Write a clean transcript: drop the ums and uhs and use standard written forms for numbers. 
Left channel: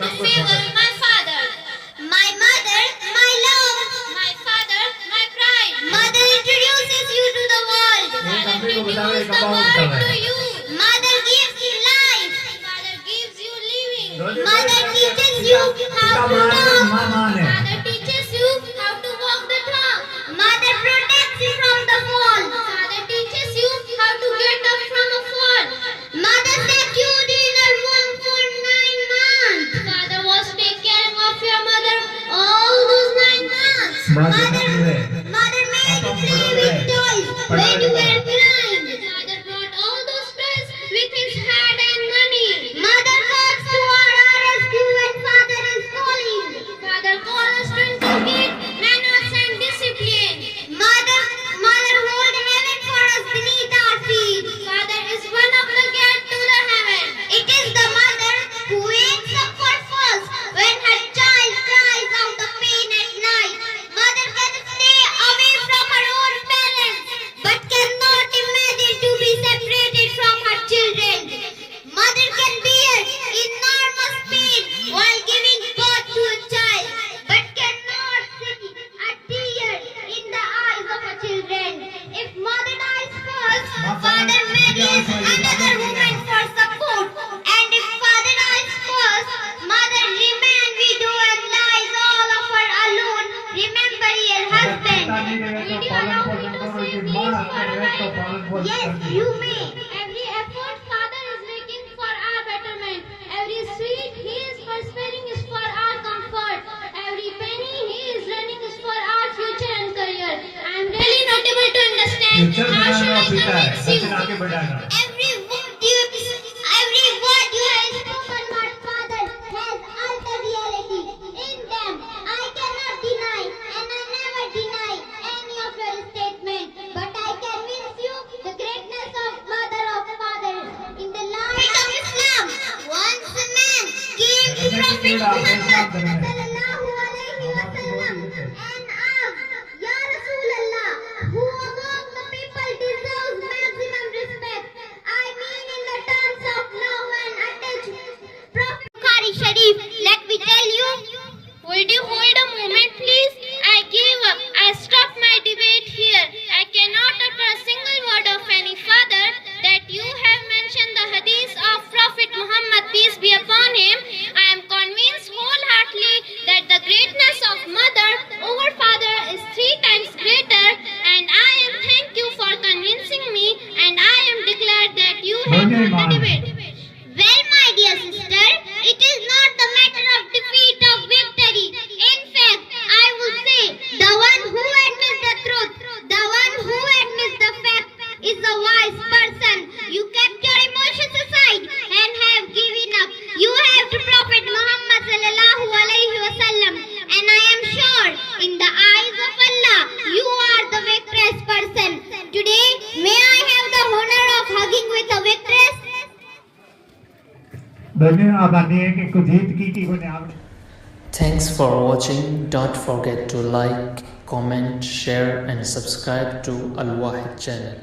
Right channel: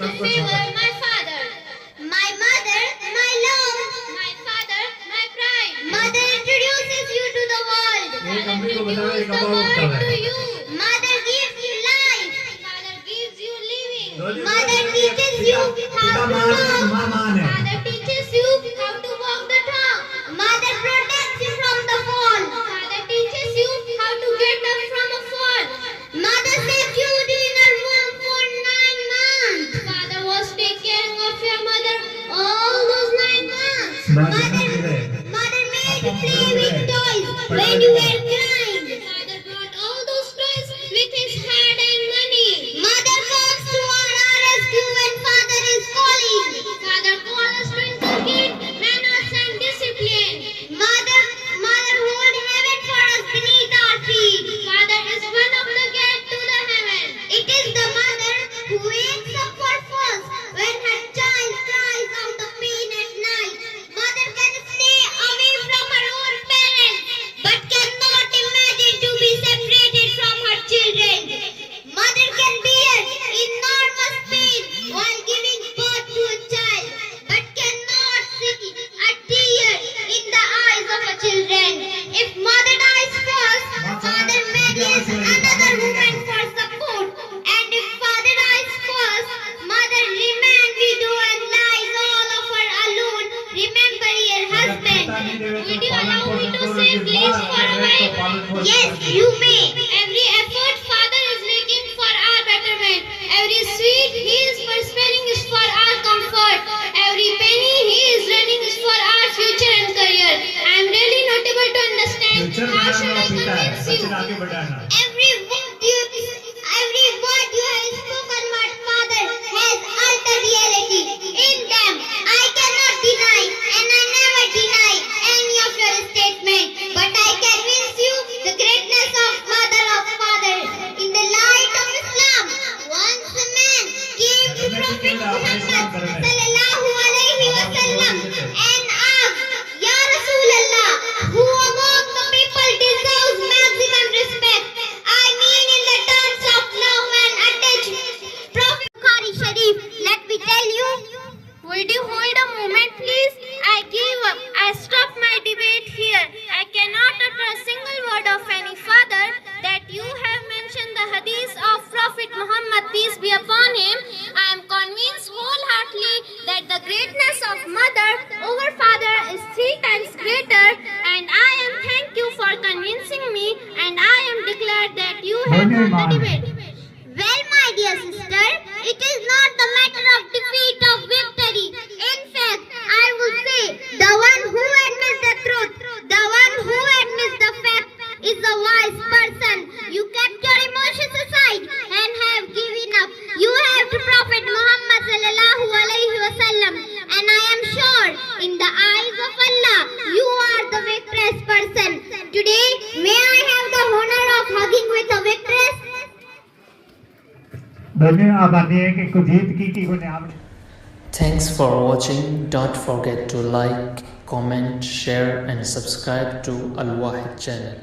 to favor my father. My mother, my love. My father, my pride. Mother introduces you to the world. Father introduces the world to you. Mother gives you life. Father gives you living. Mother teaches you how to talk. Father teaches you how to walk the talk. Mother protects you from the fall. Father teaches you how to get up from a fall. Mother secured you in her womb for 9 months. Father was taking care of your mother all those 9 months. Mother made you play with toys when you were crying. Father brought all those toys with his hand and money. Mother comes to our rescue when father is calling. Father calls us to inculcate manners and discipline. Mother holding heaven for us beneath our feet. Father is one of the gate to the heaven. It is the mother who wakes up for first when her child cries out of pain at night. Mother can stay away from her own parents, but cannot imagine to be separated from her children. Mother can bear enormous pain while giving birth to a child, but cannot see a tear in the eyes of her children. If mother dies first, father marries another woman for support. And if father dies first, mother remains widow and lies all of her alone. Remember your husband. Would you allow me to say please for a while? Yes, you may. Every effort father is making for our betterment. Every sweet he is prospering is for our comfort. Every penny he is running is for our future and career. I am really not able to understand. How should I convince you? Every word you have spoken, my father, has altered reality. In them, I cannot deny, and I never deny any of your statement. But I convince you the greatness of mother of father. In the light of Islam, once a man came to Prophet Muhammad sallallahu alaihi wasallam and asked, Ya Rasulallah, who among the people deserves maximum respect? I mean in the terms of love and attachment. Prophet Bukhari Sharif, let me tell you. Would you hold a moment please? I give up. I stop my debate here. I cannot utter a single word of any father that you have mentioned the hadith of Prophet Muhammad, peace be upon him. I am convinced wholeheartedly that the greatness of mother over father is 3 times greater, and I am thank you for convincing me, and I am declared that you have won the debate. Well, my dear sister, it is not the matter of defeat or victory. In fact, I would say the one who admits the truth, the one who admits the fact is a wise person. You kept your emotions aside and have given up. You have to Prophet Muhammad sallallahu alaihi wasallam, and I am sure in the eyes of Allah you are the victorious person. Today, may I have the honor of hugging with a victorious? Thanks for watching. Don't forget to like, comment, share and subscribe to Al Wahid channel.